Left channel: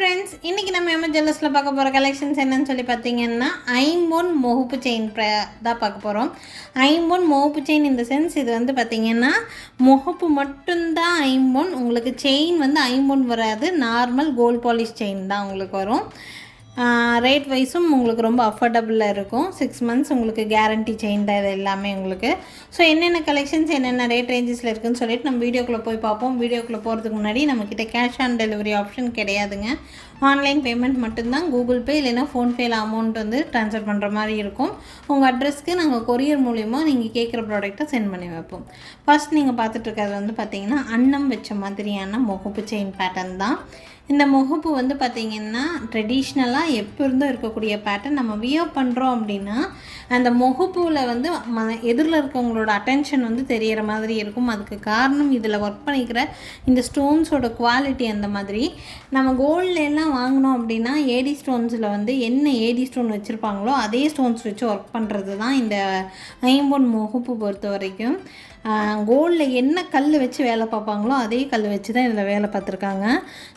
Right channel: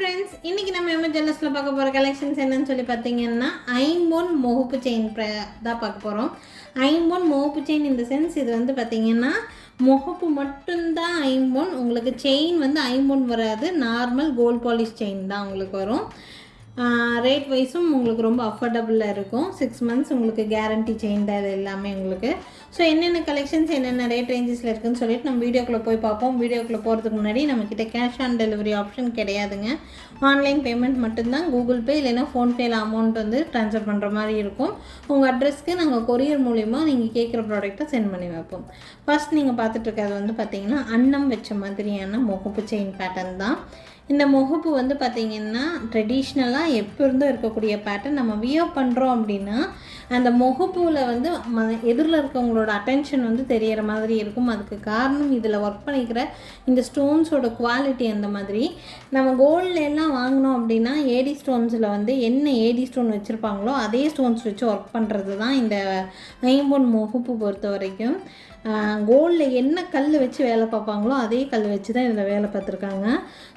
Friends, இன்றைக்கி நம்ம MS ஜுவல்லர்ஸில் பார்க்க போகிற கலெக்ஷன்ஸ் என்னன்னு சொல்லி பார்த்தீங்கன்னா ஐம்பொன் முகப்பு செயின் தான் பார்க்க போகிறோம். ஐம்பொன் முகப்பு செயின் இந்த சென்ஸ் இது வந்து பார்த்திங்கன்னா முகப்பு மட்டும்தான் ஐம்பொன். உங்களுக்கு செயின் வந்து ஐம்பொன் வராது, நார்மல் கோல்ட் பாலிஷ் செயின் தான் உங்களுக்கு வரும். ரேட் வைஸும் உங்களுக்கு ரொம்ப அஃபோர்டபுளாக இருக்கும். 6 months உங்களுக்கு கேரண்டி செயின் தான் இது எல்லாமே உங்களுக்கு. ஸோ என்னென்ன கலெக்ஷன்ஸ் என்னென்ன ரேட் ரேஞ்சஸில் இருக்குதுன்னு சொல்லிட்டு நம்ம வீடியோக்குள்ளே போய் பார்ப்போம். வீடியோக்குள்ளே போகிறதுக்கு முன்னாடி நம்மக்கிட்ட கேஷ் ஆன் டெலிவரி ஆப்ஷன் கிடையாதுங்க. ஆன்லைன் பேமெண்ட் மட்டும்தான். கூகுள் பே இல்லைன்னா ஃபோன்பேயில் அமௌண்ட் வந்து ட்ரான்ஸ்ஃபர் பண்ணுற மாதிரி இருக்கும். உங்கள் அட்ரஸ்க்கு நாங்கள் கொரியர் மூலிமா நீங்கள் கேட்குற ப்ராடக்ட்டை சென்ட் பண்ணி வைப்போம். ஃபர்ஸ்ட் நீங்கள் பார்த்துட்ருக்கிறது வந்து பார்த்திங்கன்னா அன்னம் வச்ச மாதிரியான முகப்பு செயின் பேட்டர்ன் தான். இந்த முகப்பு வந்து பார்த்திங்கன்னா ட்ரெடிஷ்னலாக எப்போ இருந்தும் இருக்கக்கூடிய பேட்டர்ன். நம்ம வியர் பண்ணுறோம் அப்படின்னா அந்த முகப்பில் வந்து எதிரில் இருக்கவங்களோட அட்டென்ஷன் வந்து தெரிகிற மாதிரி இருக்கும். அதுக்கு காரணம் இதில் ஒர்க் பண்ணிக்கிற இந்த ஸ்டோன்ஸோட குவாலிட்டி. அந்த மாதிரி நம்ம கோல்டில் எல்லாம் வாங்கினோம் அப்படின்னா ஏடி ஸ்டோன்ஸில் வந்து என்ன ஏடி ஸ்டோன் வச்சுருப்பாங்களோ அதே ஸ்டோன்ஸ் வச்சு ஒர்க் பண்ணுறது தான் இந்த ஐம்பொன் முகப்பு பொறுத்த வரைக்கும். கோல்டில் என்ன கல் வச்சு வேலை பார்ப்பாங்களோ அதே கல் வச்சு தான் இதில் வேலை பார்த்துருக்காங்க.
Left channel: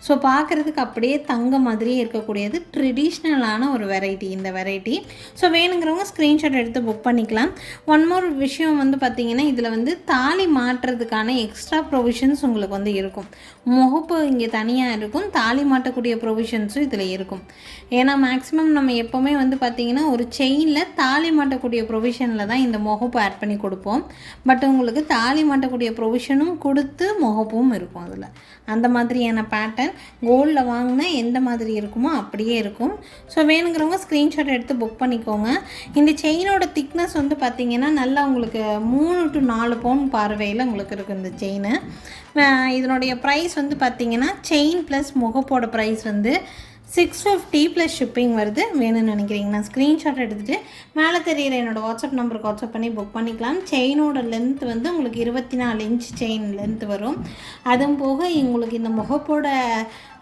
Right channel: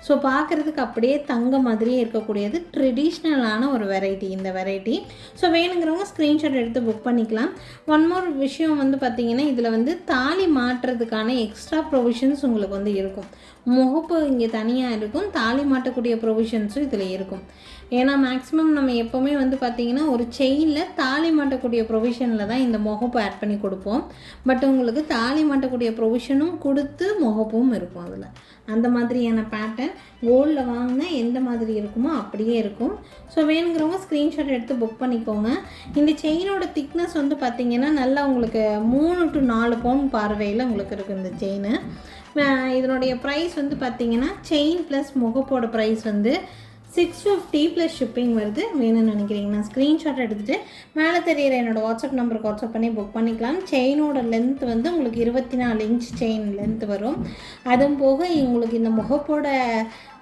ஸோ பார்க்குறதுக்கு அப்படியே தங்க மாதிரியே இருக்கக்கூடியது ட்ரெடிஷ்னலான ஒரு வெரைட்டி இந்த வெரைட்டி. ஸோ வேணுங்கிறவங்க ஸ்க்ரீன்ஷாட் எடுத்து புக் பண்ணிக்கலாம். ஒன் மோர் விஷயம் வந்து பார்த்திங்கன்னா இதில் வந்து தாலி மாட்டுறதுக்கான எக்ஸ்ட்ரா ப்ரொவிஷன்ஸ் உங்களுக்கு வந்து இருக்கும். முகப்பு இங்கே தனியாக இருக்கும், தாலி மாட்டக்கூடிய ப்ரொவிஷன்ஸும் இதில் இருக்கும். ஏன்னா மேக்ஸிமம் நம்ம எப்போவுமே வந்து பார்த்திங்கன்னா ஒரு செயினில் தாலி மாட்டக்கூடிய ப்ரொவிஷனில் தான் இந்த முகப்பு ஆட் பண்ணி கொடுப்போம். பட் உங்களுக்கு தாலி மாட்டக்கூடிய ப்ரொவிஷனும் கொடுத்து முகப்பும் இருக்கும் அதில். அந்த மாதிரியான பேட்டர்ன் கோல்டில் வாங்கினா எந்த மாதிரி இருக்குமோ அப்படியே இருக்கும். ஸோ வேணுங்கிறவங்க ஸ்க்ரீன்ஷாட் எடுத்து புக் பண்ணிக்கோங்க. இந்த செயினோட திக்னஸ் வந்து பார்த்திங்கன்னா நல்லா உங்களுக்கு 3 to 4 பவுன் பார்வையில் உங்களுக்கு இருக்குது இந்த செயினு. இதனுடைய ப்ரைஸ் வந்து பார்த்திங்கன்னா செயின் ப்ளஸ் முகப்போட ப்ரைஸ் வந்து 650 ப்ளஸ் ஷிப்பிங் வருது. வேணும்னு நினைக்கிறீங்கன்னா ஸ்க்ரீன்ஷாட் எடுத்துகிட்டு மேலே தெரியிற என்னோடய வாட்ஸ்அப் நம்பருக்கு வாட்ஸ்அப் பண்ணி புக் பண்ணிக்கலாம். செயினோட லென்த் வந்து உங்களுக்கு 24 inch செயின் லென்த் வரும். அதுவும் போக உங்களுக்கு இந்த முகப்போட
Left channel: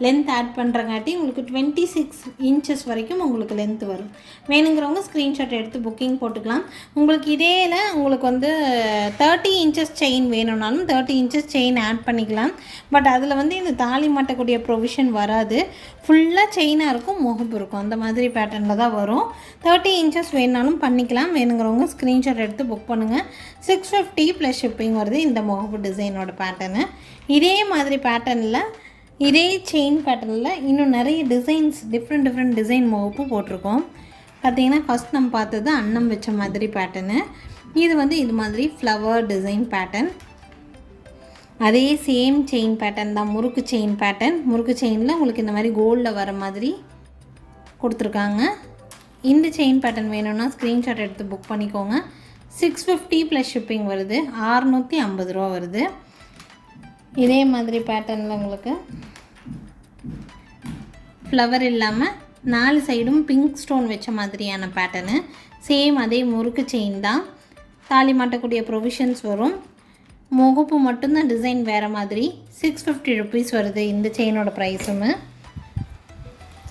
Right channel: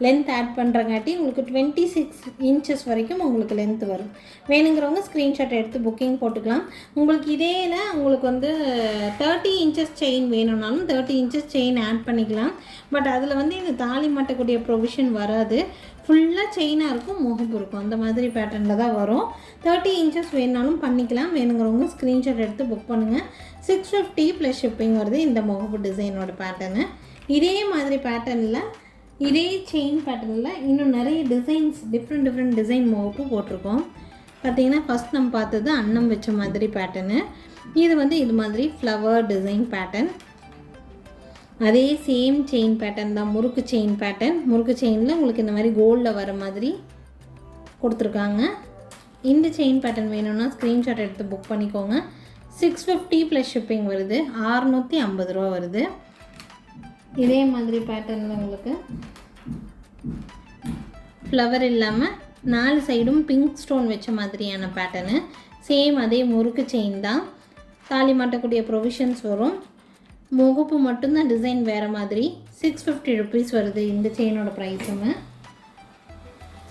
லென்த் ஆட் பண்ணுறங்காட்டி உங்களுக்கு 26 inches வரைக்கும் உங்களுக்கு லென்த் வரும். வேணுங்கிறவங்க ஸ்க்ரீன்ஷாட் எடுத்து புக்கிங் போட்டுக்கலாம். உங்களுக்கு இடையில உங்களுக்கு வந்து 30 inches செயின் வேணும்னாலும் 30 inches செயின் ஆட் பண்ணிக்கலாம். பட் அதில் வந்து இந்த தாலி மாட்டக்கூடிய ப்ரொவிஷன் வராது. ஃபுல்லாக செயினாக இருக்கும், முகப்பு இருக்கும், அந்த மாதிரி பேட்டர்னில் தான் வரும். 30 inches வேணுனாலும் பண்ணிக்கலாம். வேணுங்கிறவங்க ஸ்க்ரீன்ஷாட் எடுத்து புக் பண்ணுங்கள். 650 ப்ளஸ் ஷிப்பிங் வருது இந்த முகப்பு டிசைனோட பேட்டர்னு. இதே மாதிரி பேட்டர்னில் இதே செயின் பேட்டர்னில் இன்னும் நிறைய டிசைன்ஸ் டிஃப்ரெண்ட் டிசைன் முகப்பு போட்டிருக்கோம். பார்த்திங்கன்னா ஃபஸ்ட் நம்ம பார்த்தது அன்னம் வச்ச மாதிரி பேட்டர்னு. இது வந்து இது மாதிரி ஃப்ளவர் டிசைன் பேட்டர்ன். அதே சேம் செயின் பேட்டர்ன் தான், முறுக்கு செயின் பேட்டர்ன். முறுக்கு செயினில் உங்களுக்கு இந்த மாதிரி கோல்டில் வர மாதிரி கொடுத்துருக்காங்க. இந்த செயின் பேட்டர்ன் வேணும்னா ஸ்க்ரீன்ஷாட் எடுத்து புக் பண்ணிக்கோங்க. 650 ப்ளஸ் ஷிப்பிங் வருது, 650 ரூபா வருது. இதே மாதிரி பேட்டர்னில் உங்களுக்கு ஃப்ளவர் இல்லாமல் 4 சைடும் பிங்க் ஸ்டோன் வச்ச மாதிரியான பேட்டர்னு. சேம் அதே முறுக்கு செயின் தான், தாலி மாட்டக்கூடிய ப்ரொவிஷன்ஸ் வரும். முகப்பு மட்டும்தான் டிசைன் வேறு மாதிரி. 650 ருபீஸ் வருது இந்த செயினோட ப்ரைஸுமே.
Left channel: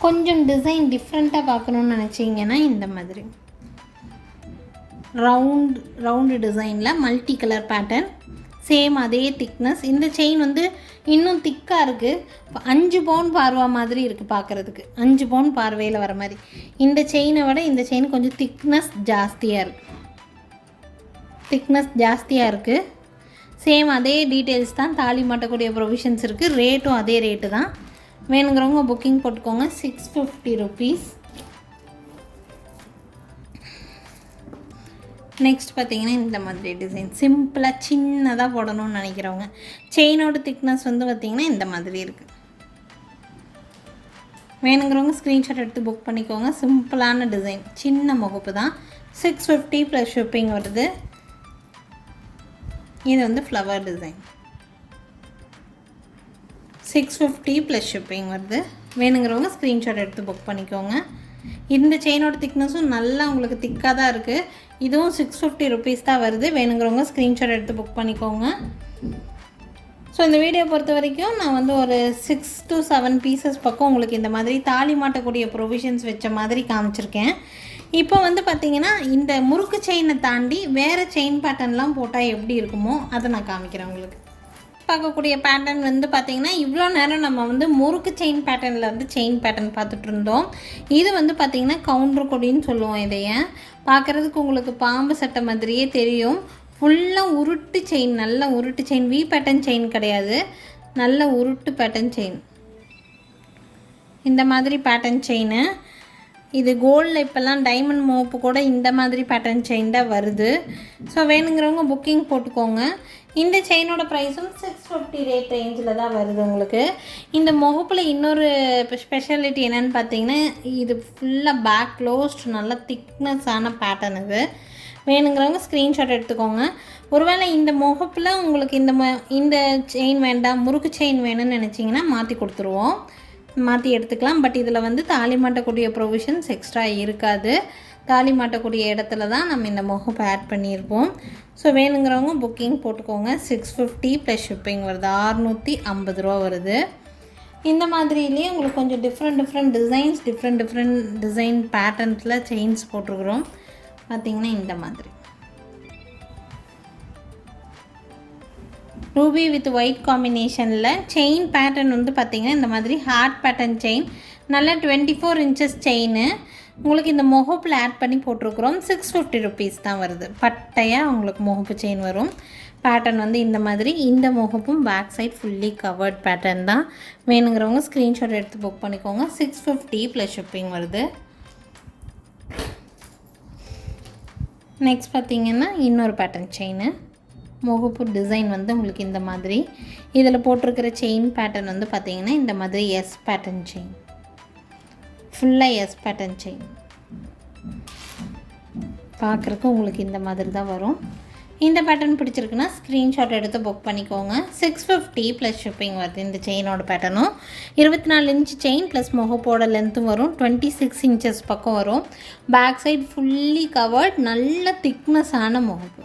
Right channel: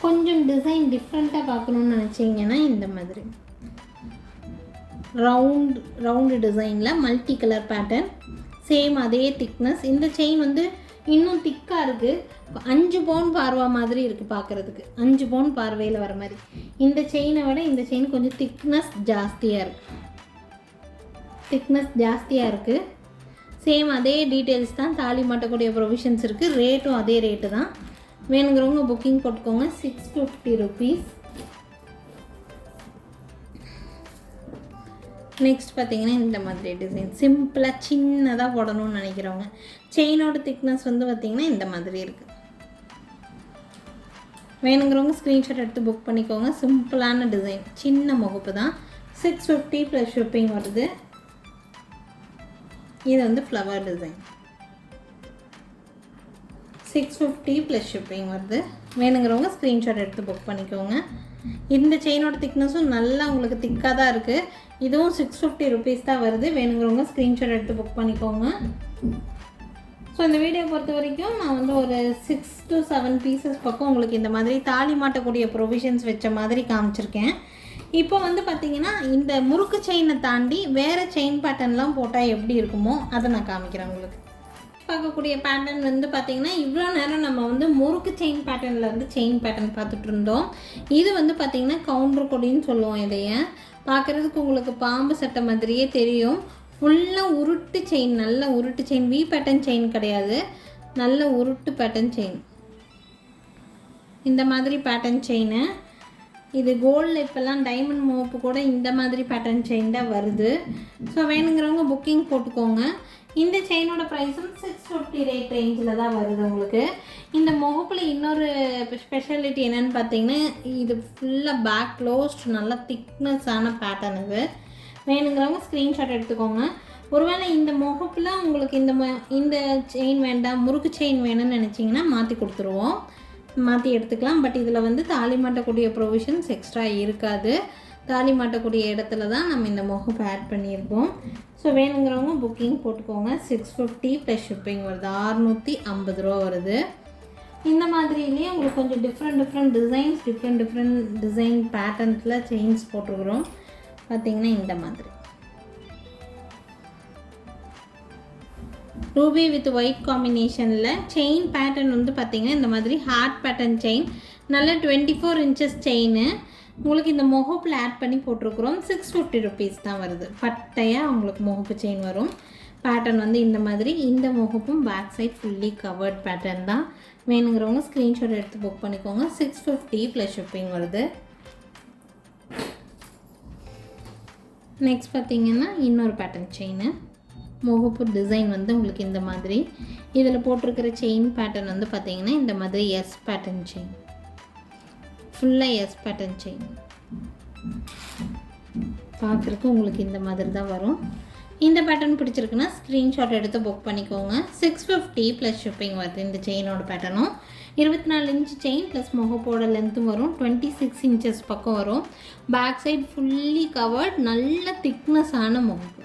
கொஞ்சம் டிசைன் டிஃப்ரெண்ட்டாக பார்க்கணுன்னு நினச்சிங்கன்னா இந்த மாதிரி ரவுண்டு டிசைனில் மல்டி கலர் பேட்டர்ன். சேம் அதே திக்னஸ். இந்த செயின் வந்து இன்னும் திக்காக இருக்குது. 5 பவுன் பார்வா மாதிரி இருக்குது பார்க்குறதுக்கு, 5 பவுன் பார்வையில் வர மாதிரி. இந்த செயினை விட இந்த செயின் கொஞ்சம் திக்னஸ் ஜாஸ்தியாக இருக்குது. சேம் அதே டீட்டெயில்ஸ் தான், தாலி மாட்டக்கூடிய ப்ரொவிஷன்ஸ் இருக்குது. ரேட்டும் அதே ரேட்டு தான். வேணுங்கிறவங்க புக்கிங் போட்டுக்கோங்க. 650 ருபீஸ். நெக்ஸ்ட் பார்த்திங்கன்னா இந்த மாதிரி டிசைன் சிம்பிளாக சின்னதாக போடணும்னு நினைக்கிறவங்க. செயினோட திக்னஸ் வந்து பார்த்திங்கன்னா இந்த மாதிரி இருக்குது. வேணுங்கிறவங்க ஸ்க்ரீன்ஷாட் எடுத்து புக் பண்ணிக்கோங்க. சிம்பிளான டிசைன், சின்ன முகப்பு தான். 650 ப்ளஸ் ஷிப்பிங் வருது. இது வந்து ஃப்ளவர் டிசைன். 650 ப்ளஸ் ஷிப்பிங் வருது. வேணுங்கிறவங்க ஸ்க்ரீன்ஷாட் எடுத்து புக் பண்ணிக்கோங்க. இந்த செயினோட திக்னஸும் நல்லா உங்களுக்கு திக்காக தான் இருக்குது. இதுவும் 650 ருபீஸ் தான் வருது. வேணுங்கிறவங்க ஸ்க்ரீன்ஷாட் எடுத்து புக் பண்ணிக்கோங்க. ஸோ இந்த வீடியோ பொறுத்த வரைக்கும் நான் வந்து ஒரு 6 to 7 பீசஸ் பக்கம் உங்களுக்கு இந்த மாதிரி தாலி மாட்டக்கூடிய ப்ரொவிஷன்ஸ் வச்ச மாதிரி காமிச்சிருக்கேன். இப்போ வந்து பார்த்திங்கன்னா இந்த முறுக்கு செயினை தாண்டி வேறு செயின் பேட்டர்ன்லாம் போட்டால் எப்படி இருக்குமோ அதை நான் காமிக்கிறேன் உங்களுக்கு. பார்க்கக்கூடிய பேட்டர்ன் வந்து பார்த்திங்கன்னா இவ்வளோ நேரம் நம்ம வந்து முறுக்கு செயின் பேட்டர்னில் வந்து செயின் பேட்டர்ன் பார்த்துட்டு இருந்தோம். இது வந்து பார்த்திங்கன்னா கவுண்டர் கொடின்னு சொல்லுவோம். இதைய பார்க்குறதுக்கு உங்களுக்கு பாம்பு சட்டை மாதிரியே தெரியும். ஃபுல்லாக உருட்டு செயின், நல்ல உருட்டு செயின், வி பேட்டர்ன் செயின் கிடையாது, நல்ல உருட்டு பேட்டர்ன் செயின். இந்த மாதிரி பேட்டர்ன் செயின். இது கோல்டில் இப்போல்லாம் டைமண்ட் மோப்பு கூட இந்த மாதிரி பேட்டர்ன் செயின் தான் வருது. ஸோ வேணுங்கிறவங்க புக்கிங் போட்டுக்கோங்க. இந்த செயினோட ப்ரைஸும் 650 ரேட் ரேஞ்சில் தான் வருது உங்களுக்கு. இந்த முகப்பில் இன்னொரு ஸ்பெஷாலிட்டி என்னென்னு பார்த்தீங்கன்னா, இது ஃபுல்லாக பேக் க்ளோஸ்ட், நல்லா திக்னஸான பேட்டர்ன். இது வேணுங்கிறவங்க ஸ்க்ரீன்ஷாட் எடுத்துக்கோங்க. ஒருவேளை இந்த முகப்பில் உங்களுக்கு இந்த செயின் வேண்டாம், முறுக்கு செயின் வேணும்னு நினச்சிங்கன்னா மாற்றி கொடுத்துருவோம், மாற்றி எடுத்துக்கலாம். பட் இதில் வந்து தாலி மாட்டக்கூடிய ப்ரொவிஷன்ஸ் எக்ஸ்ட்ரா இருக்காது. தாலி மாட்டக்கூடிய இடத்துல தான் நம்ம இந்த முகப்பை ஆட் பண்ணியிருப்போம். ஸோ வேணுங்கிறவங்க புக்கிங் போட்டுக்கோங்க. 650 ப்ளஸ் ஷிப்பிங் வருது, 650 ரூபா வருது. இந்த மாதிரிலேயே உங்களுக்கு கொஞ்சம் டிஃப்ரெண்ட் டிசைன்ஸ், டிஃப்ரெண்ட் டிசைன் பேட்டர்ன்ஸில் செயின்ஸ் போட்டுருக்குறோம். பார்த்திங்கன்னா இந்த மாதிரி ரூபி வித் ஒயிட் காம்பினேஷனில் செயின் பேட்டர்ன் வந்து பார்த்திங்கன்னா இந்த மாதிரி ஹார்ட் பேட்டர்ன் செயின், நல்லா 24 இன்ச்சஸ் செயின் உங்களுக்கு இந்த முகப்பில் ஆட் பண்ணி போட்டிருக்கிறோம். 650 ருபீஸ் தான் வருது. பட்டையாக உங்களுக்கு முகப்பு செயின் வரும். பேட்டர்ன் வந்து இந்த மாதிரி, இந்த முகப்பும் back side fully covered pattern தான். வேணுங்கிறவங்க ஸ்க்ரீன்ஷாட் எடுத்து புக் பண்ணிக்கோங்க. 650 ப்ளஸ் ஷிப்பிங் வருது. நெக்ஸ்ட் பார்த்திங்கன்னா இன்னொரு பேட்டர்ன் செயின், முகப்பு டிசைன் வந்து உங்களுக்கு இந்த மாதிரி. இதில் போட்டிருக்கிற செயின் பேட்டர்ன் வந்து பார்த்திங்கன்னா இந்த மாதிரி எஸ் பேட்டர்ன் செயின், ஃபுல்லாக எஸ் பேட்டர்ன் செயின். பார்க்குறக்கு உங்களுக்கு இந்த மாதிரி தான் வரும். இந்த பேட்டர்ன் பிடிச்சிருக்குன்னா ஸ்க்ரீன்ஷாட் எடுத்து புக் பண்ணிக்கோங்க. 650 ப்ளஸ் ஷிப்பிங் வருது. இந்த செயினோட பேட்டர்னும் 24 இன்ச் செயின் ப்ளஸ் முகப்போட லென்த்தும் வரும். 26 இன்ச்சஸ் பக்கம் வரும். பேக் சைட் ஃபுல்லி கவர்ட், நல்ல திக்னஸான முகப்பு,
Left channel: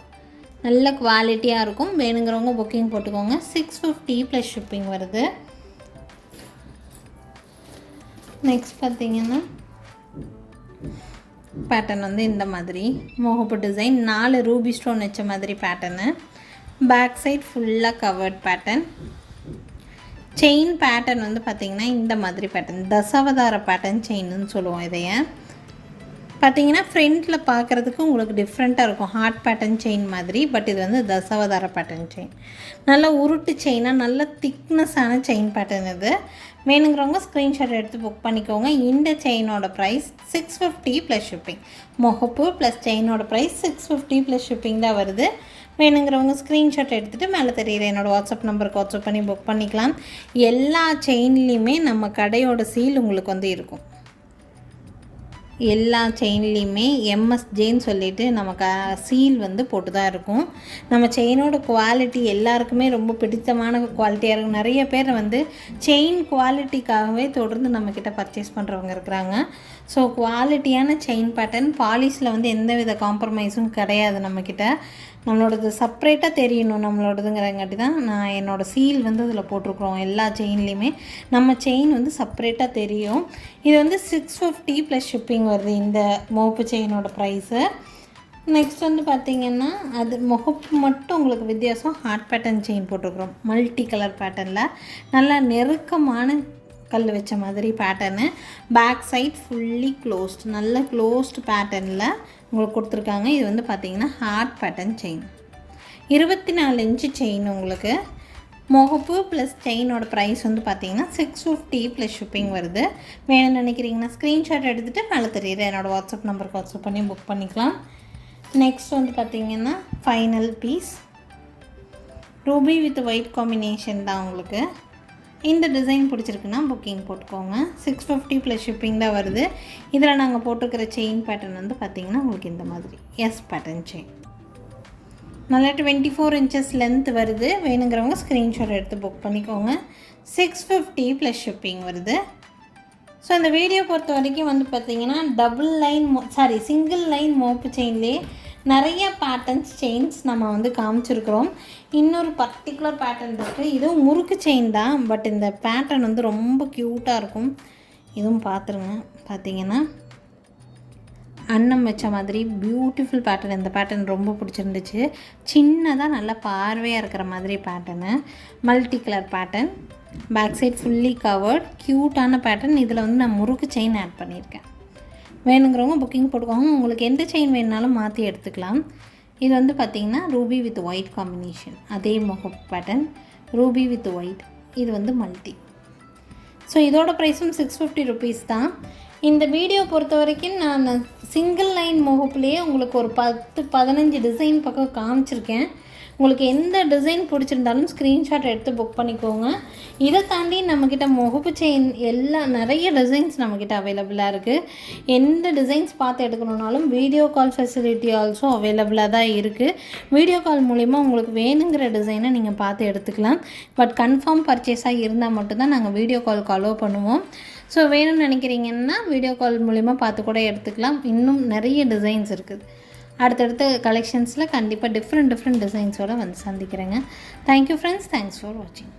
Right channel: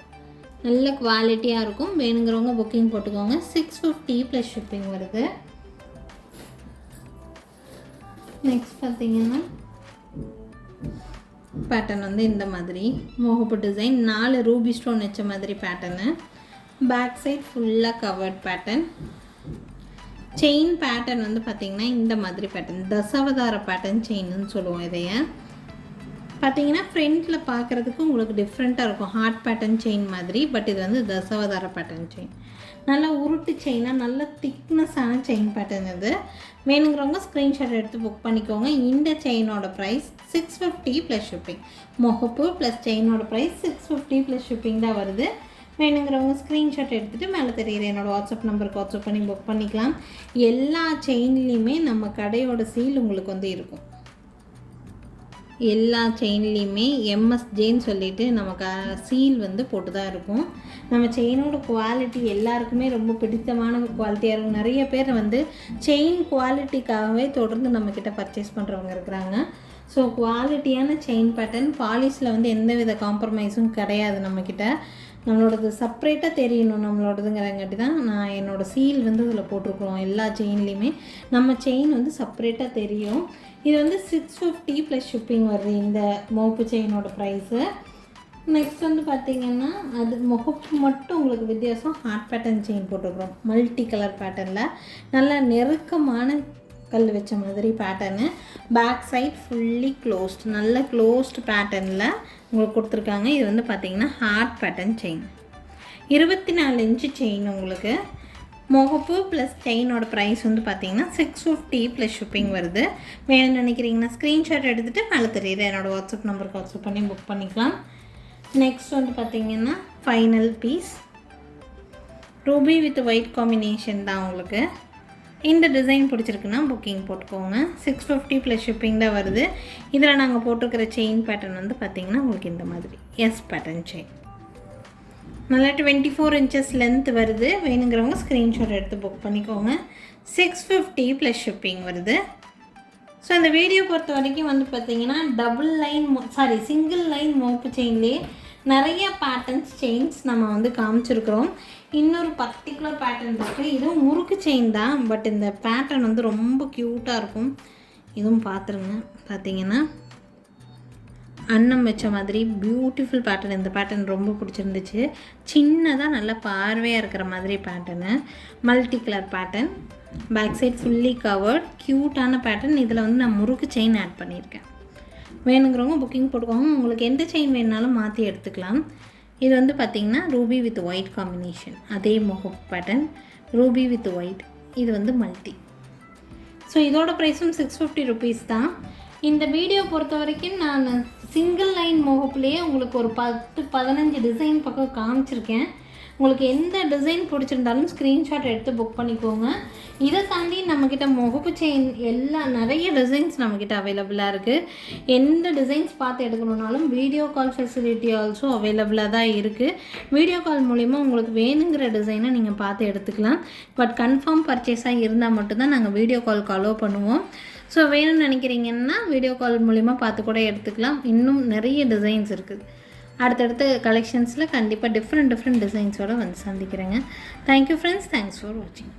நல்ல குவாலிட்டியாக இருக்கும். வேணுங்கிறவங்க புக்கிங் போட்டுக்கோங்க. 650 ப்ளஸ் ஷிப்பிங் வருது. நெக்ஸ்ட் பார்த்திங்கன்னா பேட்டர்ன் வந்து இந்த மாதிரி முகப்பு டிசைன், 4 ரூபி ஸ்டோன் வச்ச மாதிரி பேட்டர்னு. பேக் சைட் ஃபுல்லாக கவர்ட் பேட்டர்ன். செயின் பேட்டர்ன் வந்து பார்த்திங்கன்னா இந்த மாதிரி பேட்டர்ன், தசாவதார பேட்டர்ன் செயின்னு சொல்லுவோம். இதைய பார்த்திங்கன்னா ஃப்ரண்ட்டில் பார்க்குறதுக்கு உங்களுக்கு டிஃப்ரெண்ட்டாக இருக்கும், ஹார்ட் பேட்டர்ன் செயின் மாதிரி. பட் இது வந்து தசாவதார பேட்டர்ன் செயின், நல்ல உருட்டு செயினாக, நல்ல திக்னஸான செயின் பேட்டர்ன். இது வேணுங்கிறவங்க ஸ்க்ரீன்ஷாட் எடுத்து புக் பண்ணிக்கோங்க. இந்த செயினோட ப்ரைஸ் 650 ப்ளஸ் ஷிப்பிங். முகப்பு ப்ளஸ் செயினோட ப்ரைஸ் 650 ப்ளஸ் ஷிப்பிங் தான் வருது. வேணுங்கிறவங்க ஸ்க்ரீன்ஷாட் எடுத்துகிட்டு மேலே தெரியுற என்னோடய வாட்ஸ்அப் நம்பருக்கு வாட்ஸ்அப் பண்ணி புக் பண்ணிக்கலாம். எல்லா செயின்லேயுமே நம்ம கடையோட சீல் உங்களுக்கு வந்து இருக்கும். எல்லா செயின்லேயுமே எம்எஸ்ஜேன்னு சொல்லிவிட்டு நமக்கு சீல் வந்து போட்டு தான் இருக்கும். நம்ம செயினோட குவாலிட்டி எல்லாருக்குமே ரொம்ப பிடித்தமான குவாலிட்டியாக இருக்கும். நிறைய பேர் வந்து செயின் குவாலிட்டிக்காகவே தொடர்ந்து நம்மக்கிட்ட பர்ச்சேஸ் பண்ணுறவங்க இருக்கிறாங்க. ஸோ குவாலிட்டியான செயின் பேட்டர்ன், பாலிஷில் வந்து எந்த வித காம்ப்ரமைஸும் கிடையாது நம்மக்கிட்ட. நம்மளோடது செப்ரேட்டாக தெரியணும் நம்மளோடதுங்கிறங்காட்டி தான் நான் என்னோடய சீல் வந்து இதில் போட்டிருக்குறோம். எல்லா செயின்லேயுமே நம்ம செயின் வந்து செப்ரேட்டாக தெரியும். இது வந்து 650 ப்ளஸ் ஷிப்பிங் வருது இந்த மோப்பு செயினோட ப்ரைஸு. நெக்ஸ்ட் வந்து பார்த்திங்கன்னா அது முகப்பு மட்டும் உங்களுக்கு வித்தியாசம், ஹார்ட் பேட்டர்ன் செயின் போட்டிருக்குறோம். மல்டி கலர் பேட்டர்னில் நல்ல நெருக்கமான கல் வச்ச மாதிரி pattern. Back side fully closed, நல்ல க்ளோஸ்டு பேட்டர்னில் உங்களுக்கு கொடுத்துருக்காங்க. இது வந்து பார்த்திங்கன்னா heart pattern chain, 24 inch chain. உங்களுக்கு முகப்பு ப்ளஸ் செயினோட ப்ரைஸ் வந்து பார்த்திங்கன்னா 650 ப்ளஸ் ஷிப்பிங் வருது. வேணும்னு நினைக்கிறீங்கன்னா ஸ்க்ரீன்ஷாட் எடுத்துகிட்டு மேலே தெரியுது என்னோடய வாட்ஸ்அப் நம்பருக்கு வாட்ஸ்அப் பண்ணி புக் பண்ணிக்கலாம். நெக்ஸ்ட் வந்து பார்த்திங்கன்னா final piece, ruby with white combination தான். உங்களுக்கு இந்த டிசைன் பிடிச்சிருக்குன்னா புக்கிங் போட்டுக்கோங்க. 650 ப்ளஸ் ஷிப்பிங் தான் வருது. இதில் நாங்கள் போட்டிருக்கிற செயின் பேட்டர்ன் வந்து பார்த்திங்கன்னா உங்களுக்கு இந்த மாதிரி எஸ் பேட்டர்ன் செயின், நல்லா 24 இன்ச்சஸ் லென்த் வருது. வேணுங்கிறவங்க ஸ்க்ரீன்ஷாட் எடுத்து புக் பண்ணிக்கோங்க. 650 ப்ளஸ் ஷிப்பிங் வருது. ஸோ அந்த வீடியோ பொறுத்த வரைக்கும் வந்து பார்த்திங்கன்னா சிங்கிள் லைன் மோப்பு செயின்லேயே நிறைய பேட்டர்ன்ஸ் செயின்ஸ் நம்ம வந்து காமிச்சிருக்கிறோம். இன்னொரு பர்டிகுலர் பேட்டர்ன் இருக்குது, இதுவும் முறுக்கு செயின் தான். பட் இந்த பேட்டர்ன் வந்து ரொம்ப க்யூட்டாக இருக்கும். இதுவும் பார்த்துருங்க. பார்த்திங்கன்னா அன்னம் வச்ச மாதிரி பியூட்டிஃபுல் பேட்டர்ன். இந்த பேட்டர்ன் ரொம்ப பிடிச்சிருந்துச்சு. சின்னதாக நல்லா பார்வையாக இருக்கிற மாதிரி pattern, multi colour pattern, back side fully covered, க்யூட்டான பேட்டர்ன். இதில் வந்து நான் முறுக்கு செயின் ஆட் பண்ணியிருக்கேன். வேணுங்கிறவங்க புக்கிங் போட்டுக்கோங்க. உங்களுக்கு எந்த செயின் வேணுனாலும் மாற்றி எடுத்துக்கலாம். இது வந்து பார்த்திங்கன்னா ரூபி வித் ஒயிட் காம்பினேஷன், அதே முகப்பு பேட்டர்ன், ரூபி வித் ஒயிட். இது வந்து மல்டி. ஸோ இதோட ப்ரைஸும் 650 ருபீஸ் தான். இந்த வீடியோ பொறுத்த வரைக்கும் நான் சிங்கிள் லைன் முகப்புலேயே உங்களுக்கு ஒரு 10-15 டிசைன் பக்கம் காமிச்சிருக்கேன். உங்களுக்கு எந்த டிசைன் பிடிச்சிருந்தாலும் ஸ்க்ரீன்ஷாட் எடுத்து புக் பண்ணிக்கோங்க. இதை தாண்டி நம்மக்கிட்ட முகப்பு செயின் நிறைய டிசைன்ஸ் நம்மக்கிட்ட அவைலபிளாக இருக்குது. எந்த டிசைன்ஸ் பார்த்து எடுக்கணுன்னாலும் வீடியோ கால் ஃபெசிலிட்டி ஆல்சோ அவைலபிளாக தான் இருக்குது. வீடியோ கால் மூலிமா உங்களுக்கு வேணுங்கிற டிசைனை நீங்கள் பார்த்து எடுத்துக்கலாம். பட் கன்ஃபார்ம் பர்ச்சேஸாக இருந்தால் மட்டும்தான் நாங்கள் வீடியோ காலுக்கு அலோவ் பண்ணுவோம். ஸோ வேணும்னு நினைக்கிறீங்கன்னா வீடியோ கால் மூலிமா பார்த்து கூட எடுத்துக்கலாம். இன்னும் நிறைய டிசைன்ஸ் இருக்குது. அடுத்தடுத்த கலெக்ஷன்ஸில் கண்டிப்பாக டிஃப்ரெண்ட் டிசைன்ஸோடு வந்து சந்திக்கிறேங்க. தேங்க்யூ ஃப்ரெண்ட்ஸ், தேங்க்ஸ் ஃபார் வாட்சிங்.